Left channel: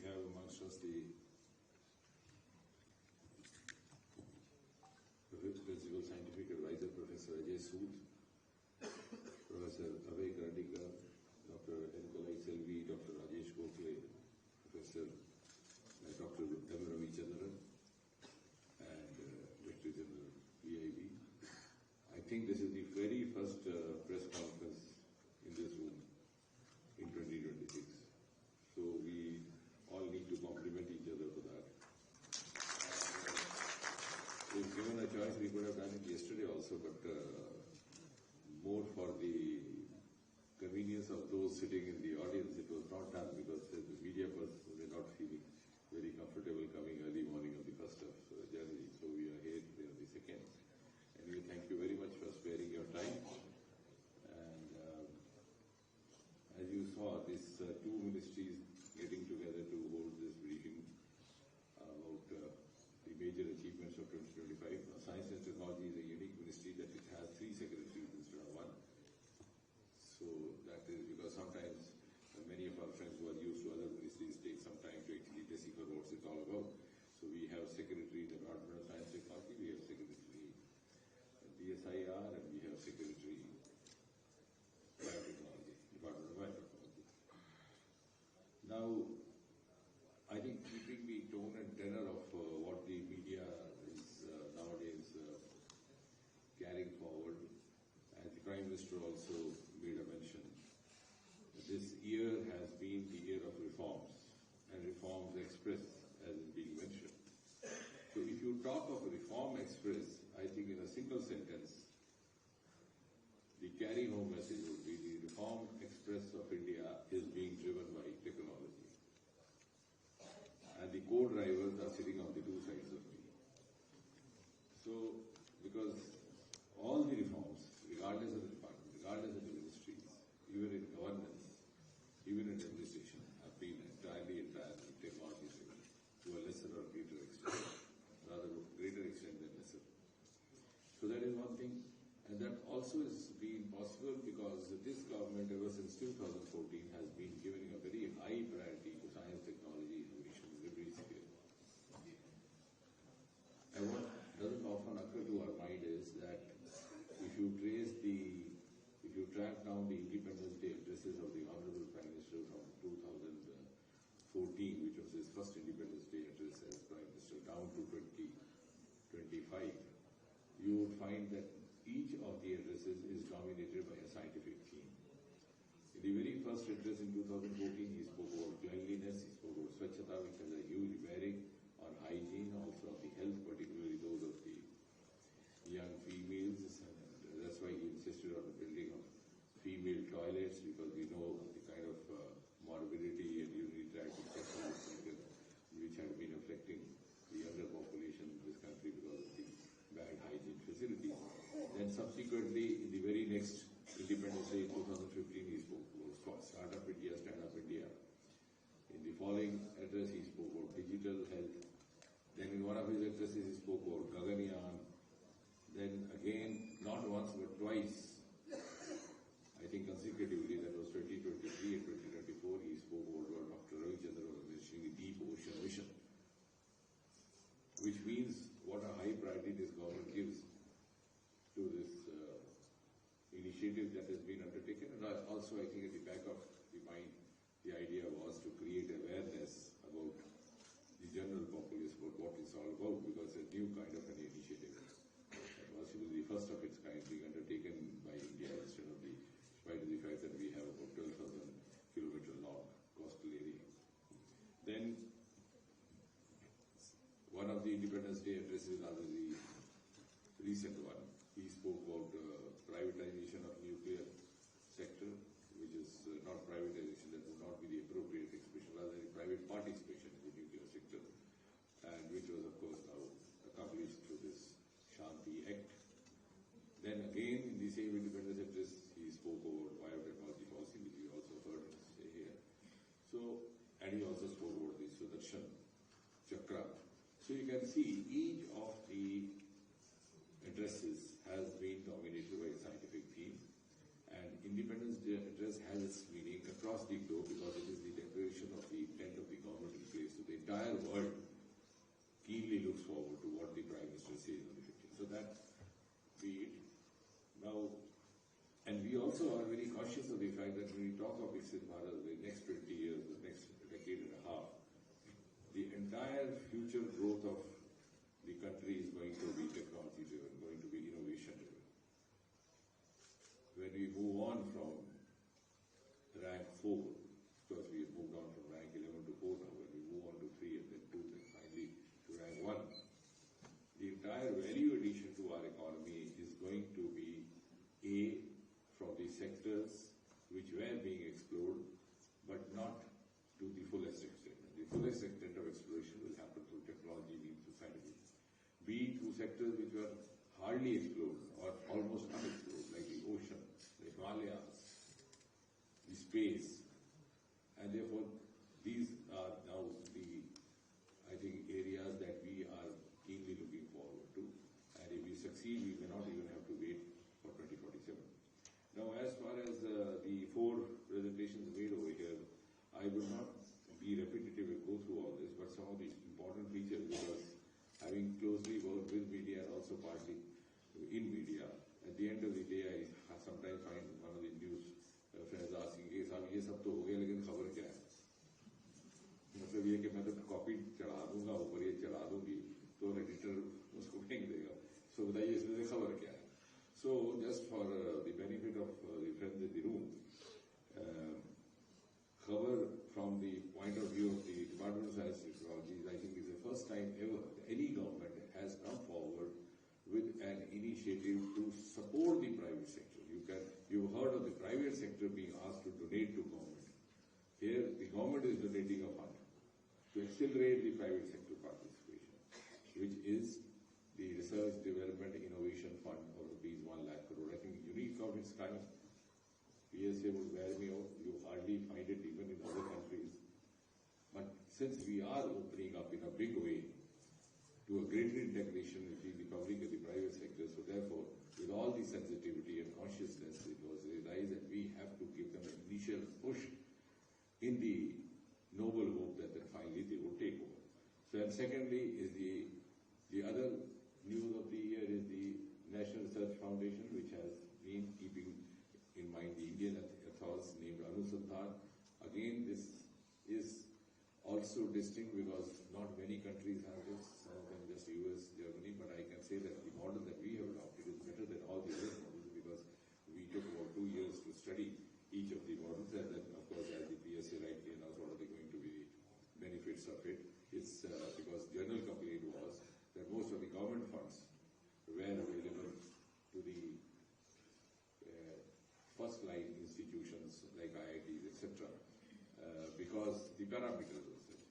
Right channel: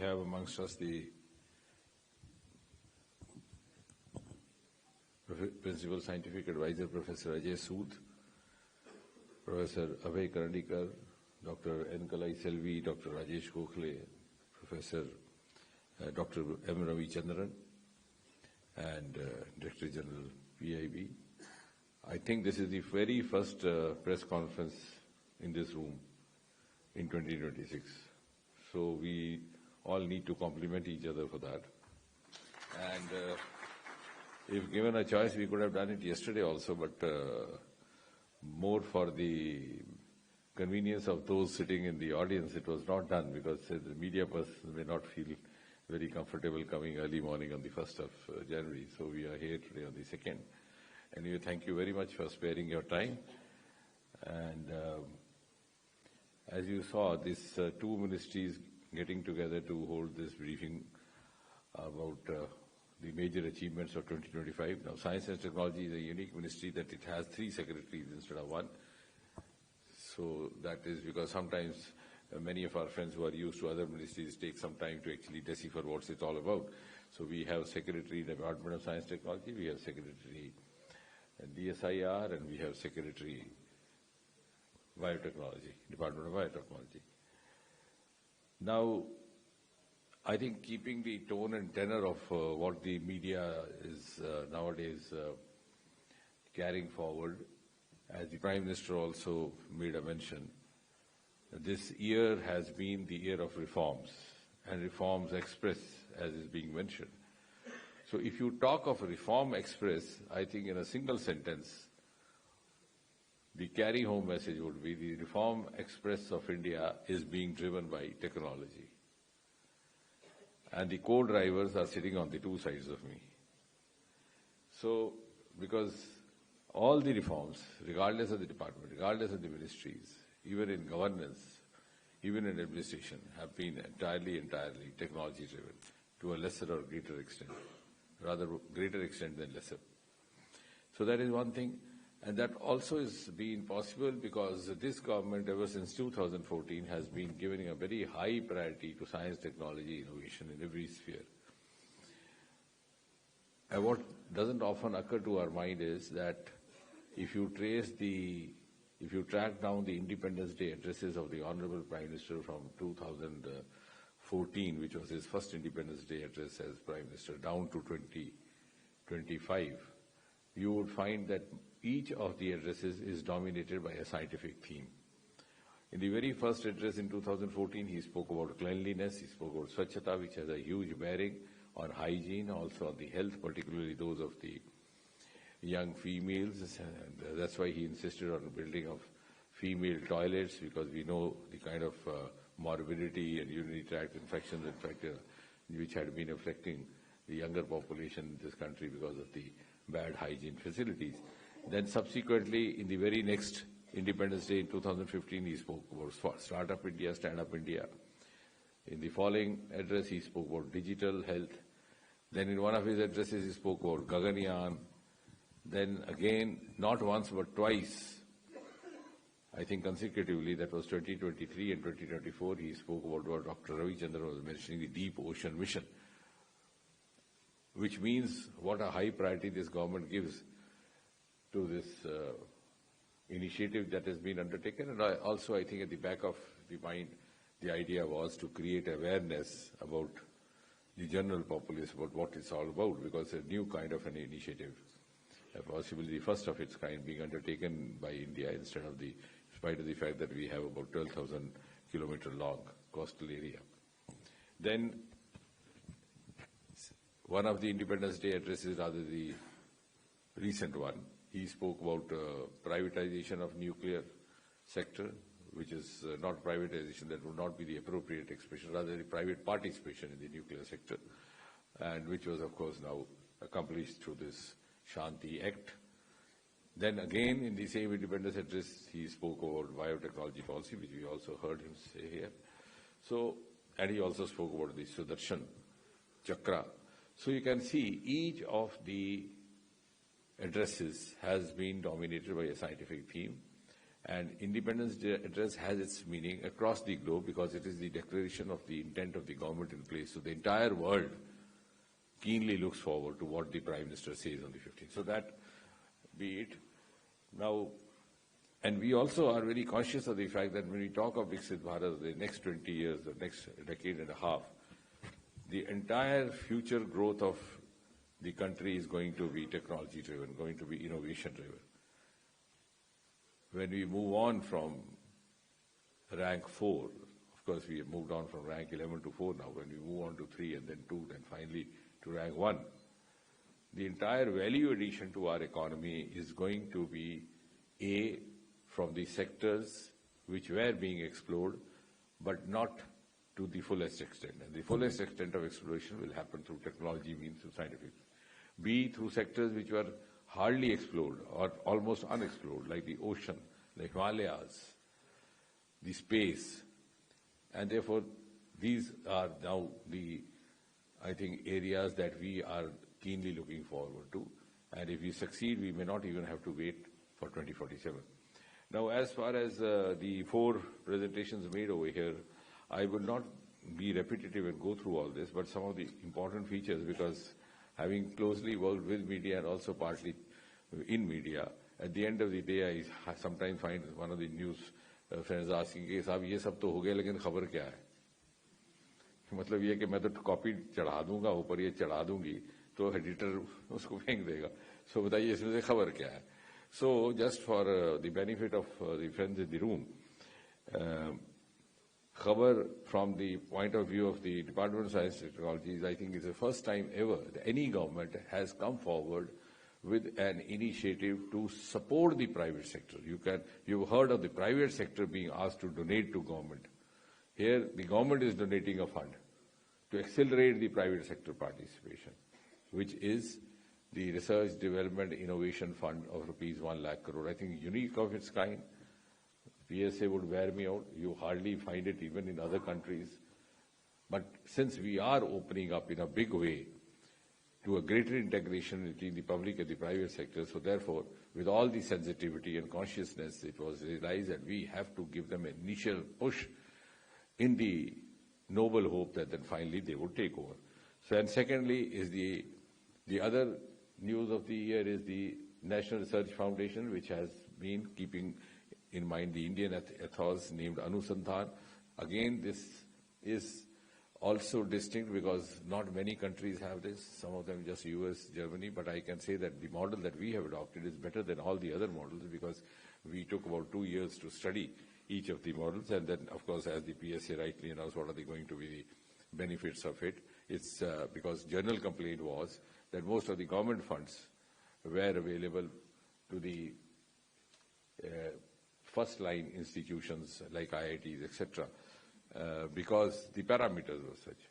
have amongst us the Principal Scientific Advisor, Professor Ajay Sood, Professor Abhay Karandikar, Dr. N. Kalai Selvi, Dr. Rajesh Gokhale, Professor Dr. M. Ravi Chandran, and Director General PIB. I think this is the very first press conference in this room in 2026. So we all need to compliment each other for that. And if given a choice, we could have done it yesterday also, but more for the convenience of those sitting in the audience, it was not done because the media person may not feel very comfortable coming early morning on the 1st of January. So we are here today on the 2nd. Anyway, thank you very much for sparing your time. And as you saw, these two ministries getting together to hold this briefing about the major achievements of 2025. Now, Science and Technology is a unique ministry that it has 3 secretaries instead of 1. So that is because sometimes many of our friends who are used to other ministries take some time to actually decipher what it's all about. So we have Secretary Department of Science and Technology, we have Secretary DSIR, and we have Secretary Biotechnology, Department of Biotechnology. Now, I think keeping the tone and tenor of what the media is nowadays carrying forward, as the Prime Minister also made a mention, this year has been the year of reforms, and reforms express, as is being mentioned. So if you talk of reform express, I think in a single sentence, the carry-home message would be the reform express of India is being driven by technology. And the co-drivers are sitting on the 2 sides of me. So, because all the reforms, regardless of the department, regardless of the ministries, even in governance, even in administration, have been entirely technology-driven to a lesser or greater extent, rather greater extent than lesser. So that is one thing. And that also is being possible because this government, ever since 2014, has been giving a very high priority to science, technology, innovation in every sphere. And what doesn't often occur to our mind is that if you track down the Independence Day addresses of the Honorable Prime Minister from 2014, which was his first Independence Day address as Prime Minister, down to 2025, you would find that each of the addresses is dominated by a scientific theme. In the very first address in 2014, he spoke about cleanliness, he spoke about Swachhata, which has a huge bearing on hygiene, also on the health, particularly those of the young females, and that's why he insisted on the building of female toilets, because we know the kind of morbidity and urinary tract infections, in fact, which had been affecting the younger population in this country because of the bad hygiene facilities. Then subsequently, in the very next Independence Day in 2015, he spoke about Startup India, Stand Up India. In the following address, he spoke about digital health. Then in one of his addresses, he spoke about Gaganyaan. Then again, not once but twice, I think consecutively, that was 2023 and 2024, he spoke about what Dr. Ravi Chandran was mentioning, the Deep Ocean Mission, which means what a high priority this government gives to this initiative that has been undertaken. And I think at the back of the mind, the idea was to create awareness about the general populace about what it's all about, because a new kind of an initiative, possibly the first of its kind, being undertaken by India in spite of the fact that we have about 12,000 kilometer long coastal area. Then one of the Independence Day addresses, rather the recent one, he spoke about privatization of nuclear sector, which is not privatization, that would not be the appropriate expression, rather the private participation in the nuclear sector, and which was, of course, now accomplished through this Shanti Act. Then again, in the same Independence address, he spoke about biotechnology policy, which we also heard him say here. So, and he also spoke about the Sudarshan Chakra. So you can see each of the addresses has been dominated by a scientific theme, And Independence Day address has its meaning across the globe because it is the declaration of the intent of the government in place. So the entire world keenly looks forward to what the Prime Minister says on the 15th. So that be it. Now, and we also are very conscious of the fact that when we talk of Viksit Bharat, the next 20 years, the next decade and a half, the entire future growth of the country is going to be technology-driven, going to be innovation-driven. When we move on from rank 4, of course we have moved on from rank 11 to 4 now, when we move on to 3 and then 2, then finally to rank 1, the entire value addition to our economy is going to be from the sectors which were being explored, but not to the fullest extent. And the fullest extent of exploration will happen through technology means through scientific. B, through sectors which were hardly explored or almost unexplored, like the ocean, like Himalayas, the space. And therefore, these are now the, I think, areas that we are keenly looking forward to. And if we succeed, we may not even have to wait for 2047. Now, as far as the 4 presentations made over here, I will not be repetitive and go through all this, but some of the important features, because having closely worked with media and also partly in media, at the end of the day, I sometimes find one of the news friends asking, "Ke sahab, ye sab to ho gaya, lekin khabar kya hai?" मतलब ये कि मैं तो copy चढ़ा दूंगा ऊपर, ये चढ़ा दूंगी तो एडिटर उसको फेंक देगा. So बताइए इसमें से खबर क्या है? So just for the benefit of the friends in the room, खबर from the point of view of the Department of Science and Technology, I think is the first time ever that any government has come forward with an initiative to support the private sector. You've heard of the private sector being asked to donate to government. Here, the government is donating a fund to accelerate the private sector participation, which is the Research Development Innovation Fund of rupees 1 lakh crore. I think unique of its kind. PSA would wear me out. You hardly find it even in other countries. But since we are opening up in a big way to a greater integration between the public and the private sector, so therefore, with all the sensitivity and consciousness, it was realized that we have to give them an initial push in the noble hope that then finally they would take over. So, and secondly is the other news of the year is the National Research Foundation, which has been keeping in mind the Indian ethos named Anusandhan. Again, this is also distinct because not many countries have this, some of them just US, Germany, but I can say that the model that we have adopted is better than all the other models because we took about 2 years to study each of the models, and then, of course, as the PSA rightly announced, what are going to be the benefits of it? It's because general complaint was that most of the government funds were available to the first-line institutions like IITs, etc., because the parameters were such.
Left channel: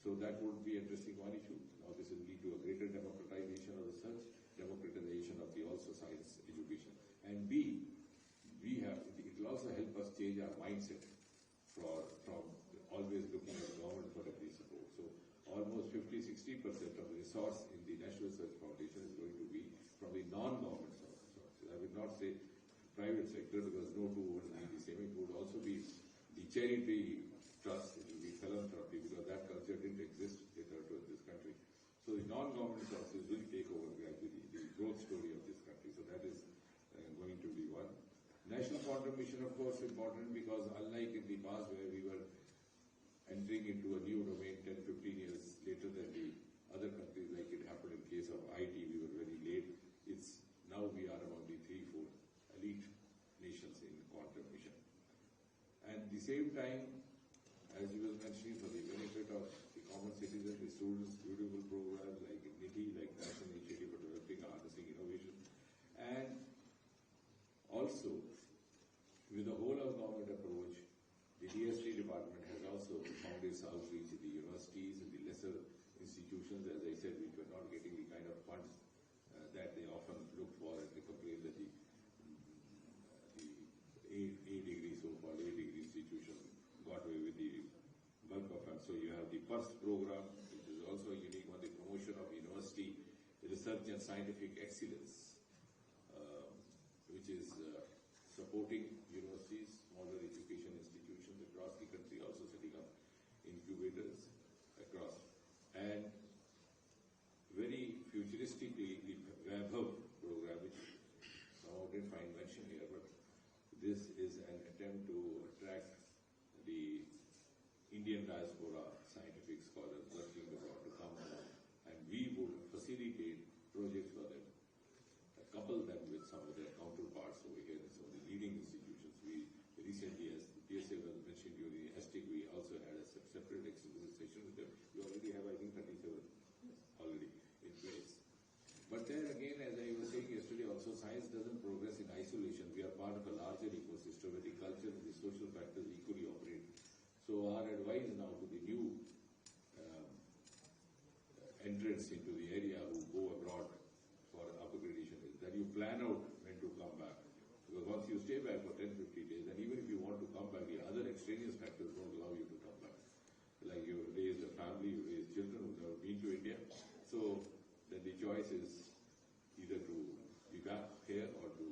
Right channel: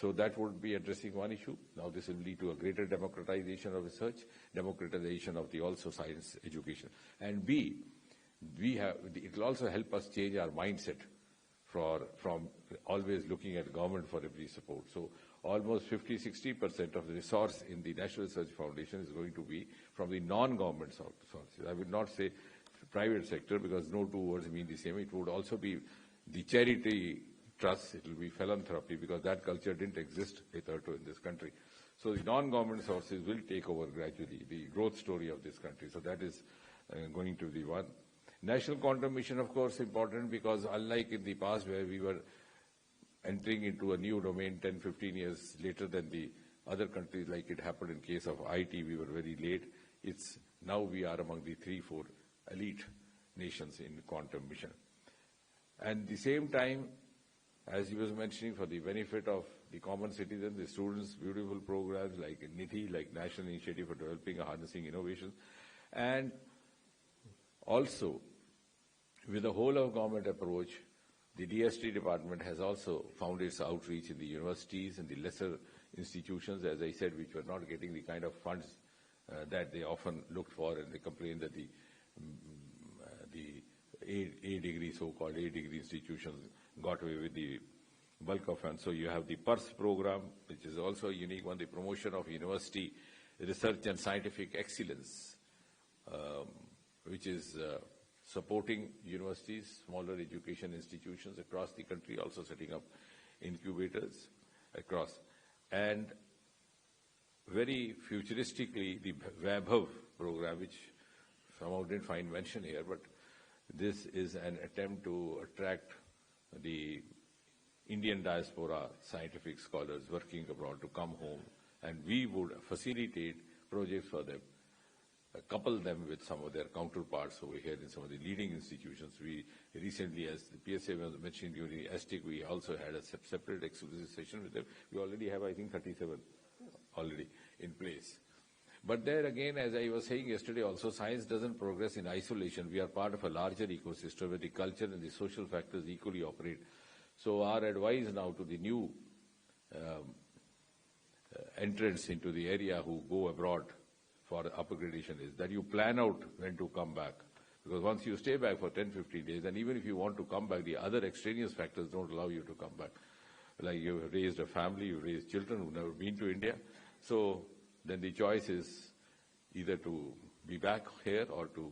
So that would be addressing one issue. Now this will lead to a greater democratization of research, democratization of the also science education. And B, it will also help us change our mindset from always looking at government for every support. So almost 50-60% of the resource in the National Research Foundation is going to be from the non-government sources. I will not say private sector because no two words mean the same. It would also be the charity trust, it will be philanthropy because that culture didn't exist hitherto in this country. So the non-government sources will take over gradually the growth story of this country. So that is going to be one. National Quantum Mission, of course, important because unlike in the past where we were entering into a new domain 10-15 years later than the other countries, like it happened in case of IT, we were very late. It's now we are among the 3-4 elite nations in quantum mission. And at the same time, as he was mentioning, for the benefit of the common citizen, the students, beautiful programs like NITI, like National Initiative for Developing and Harnessing Innovation, and also with a whole of government approach, the DST department has also found its outreach in the universities and the lesser institutions, as I said, which were not getting the kind of funds that they often looked for, and they complained that the A degree, so-called A degree institutions got away with the bulk of funds. So you have the PERS program, which is also a unique one, the promotion of university research and scientific excellence, which is supporting universities, smaller education institutions across the country, also setting up incubators across. And very futuristically, the Vaibhav program, which somehow didn't find mention here, but this is an attempt to attract the Indian diaspora scientific scholars working abroad to come home, and we would facilitate projects for them, couple them with some of their counterparts over here in some of the leading institutions. We recently, as the PSA was mentioned during the STIC, we also had a separate exclusive session with them. We already have, I think, 37 already in place. But there again, as I was saying yesterday also, science doesn't progress in isolation. We are part of a larger ecosystem where the culture and the social factors equally operate. So our advice now to the new entrants into the area who go abroad for upgradation is that you plan out when to come back. Because once you stay back for 10, 15 days, and even if you want to come back, the other extraneous factors don't allow you to come back. Like you've raised a family, you've raised children who've never been to India. So then the choice is either to be back here or to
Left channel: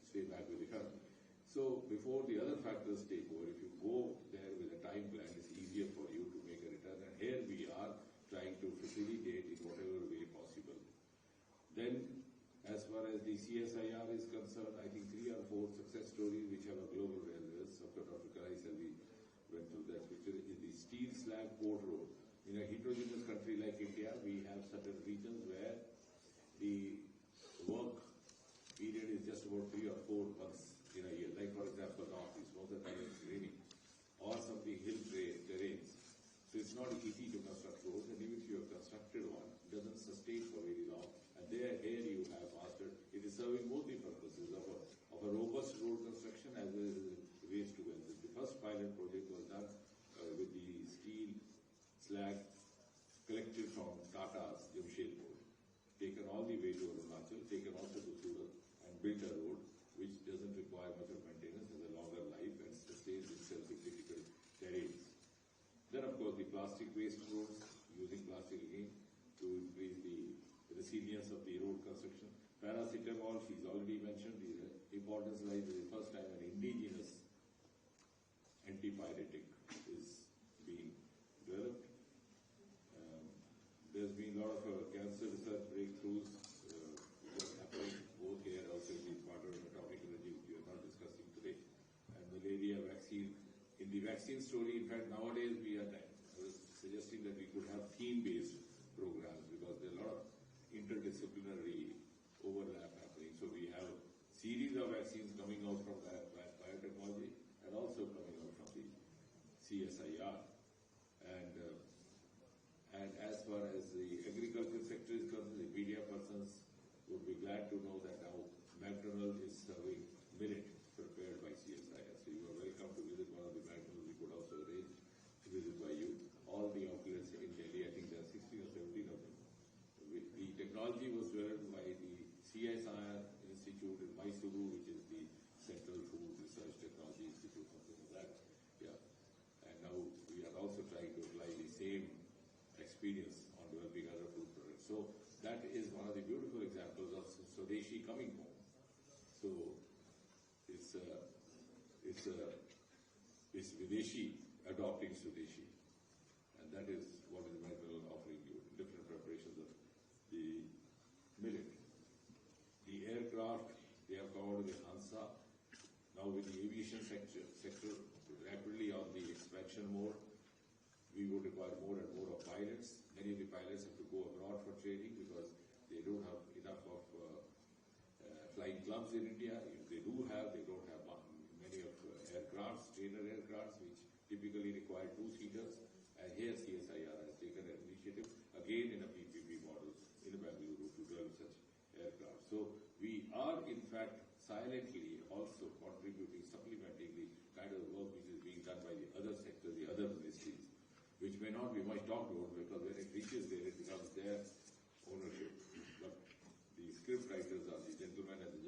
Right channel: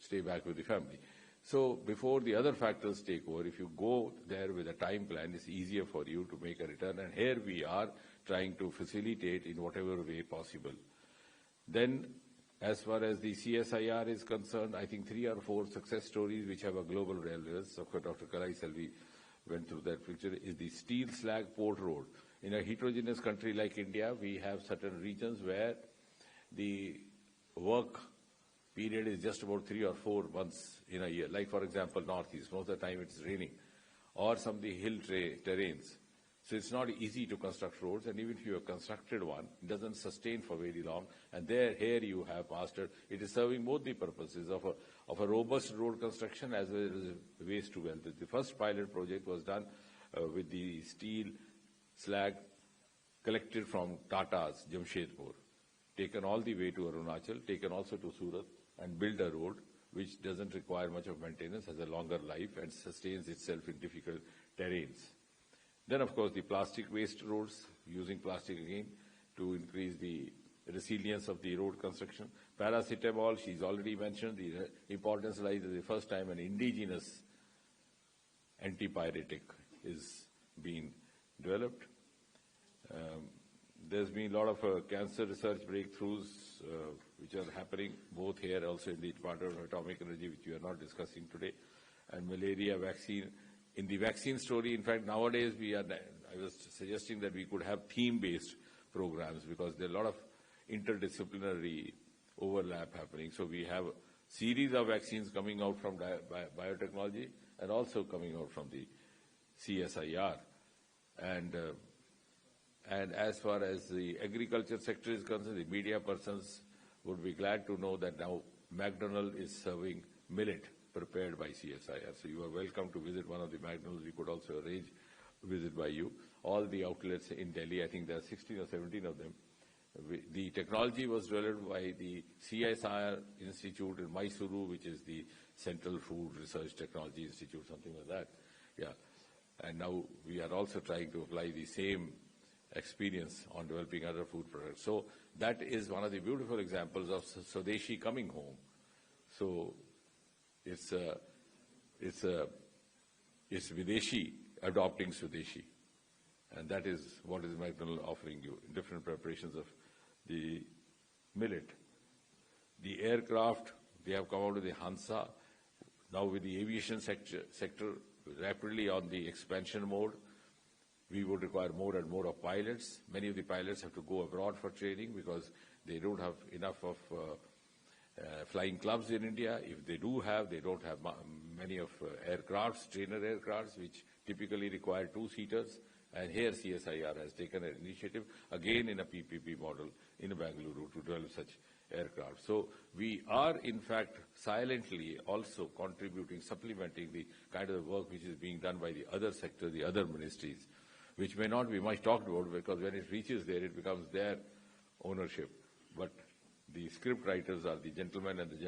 stay back with the family. So before the other factors take over, if you go there with a time plan, it's easier for you to make a return. And here we are trying to facilitate in whatever way possible. Then, as far as the CSIR is concerned, I think 3 or 4 success stories which have a global relevance. Dr. Kalai Selvi went through that picture, is the steel slag port road. In a heterogeneous country like India, we have certain regions where the work period is just about 3 or 4 months in a year. Like, for example, Northeast, most of the time it's raining, or some of the hill terrains. So it's not easy to construct roads, and even if you have constructed one, it doesn't sustain for very long. And here you have mastered, it is serving both the purposes of a robust road construction as well as waste to wealth. The first pilot project was done with the steel slag collected from Tata's Jamshedpur, taken all the way to Arunachal, taken also to Surat, and build a road which doesn't require much of maintenance, has a longer life, and sustains itself in difficult terrains. Then, of course, the plastic waste roads, using plastic again to increase the resilience of the road construction. Paracetamol, she's already mentioned, the importance lies as the first time an indigenous antipyretic is being developed. There's been a lot of cancer research breakthroughs which are happening both here, also in the Department of Atomic Energy, which we are not discussing today, and malaria vaccine. In the vaccine story, in fact, nowadays I was suggesting that we could have theme-based programs because there are a lot of interdisciplinary overlap happening. So we have a series of vaccines coming out from biotechnology and also coming out from the CSIR. And as far as the agriculture sector is concerned, the media persons would be glad to know that now McDonald is serving millet prepared by CSIR. So you are welcome to visit one of the McDonald's. We could also arrange a visit by you. All the outlets in Delhi, I think there are 16 or 17 of them. The technology was developed by the CSIR Institute in Mysuru, which is the Central Food Research Technology Institute, something like that. Yeah. And now we are also trying to apply the same experience on developing other food products. So that is one of the beautiful examples of Swadeshi coming home. So it's Videshi adopting Swadeshi. And that is what is McDonald offering you in different preparations of the millet. The aircraft, they have come out of the Hansa. Now with the aviation sector rapidly on the expansion mode, we would require more and more of pilots. Many of the pilots have to go abroad for training because they don't have enough of flying clubs in India. If they do have, they don't have many of aircrafts, trainer aircrafts, which typically require 2-seaters. And here CSIR has taken an initiative, again in a PPP model in Bangalore, to develop such aircraft. So we are, in fact, silently also contributing, supplementing the kind of work which is being done by the other sector, the other ministries, which may not be much talked about because when it reaches there, it becomes their ownership. But the script writers are the gentlemen and the